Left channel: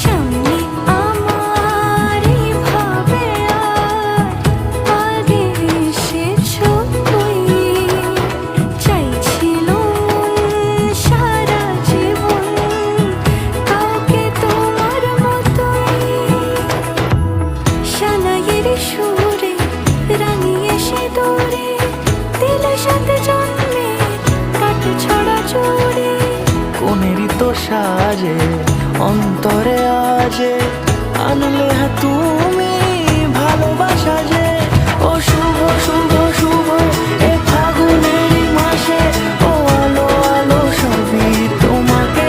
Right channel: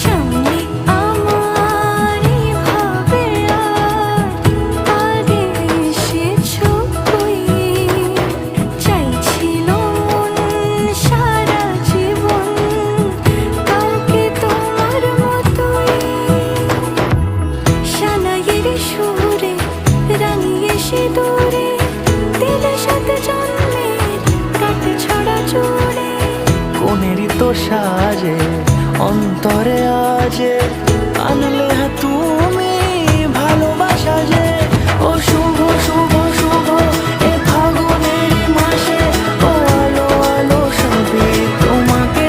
সামনে আমার এইভাবে আর আগে এসেছো কই, চাইছিল মন সারা জীবন কাউকে তোমার মতোই। সানাইয়ের সুরে রাঙিয়ে সে দূরে দিলে সাথে জন্মের কাট ছড়া জুড়ে। কোনেরই তো সাজে অন্তরে আজে আনলে তুমি ভালোবাসা যে। ও শুভ শুভ শুভ এ ফাগুনেরই মাসে, ও আলো আলো সবই তোমাকে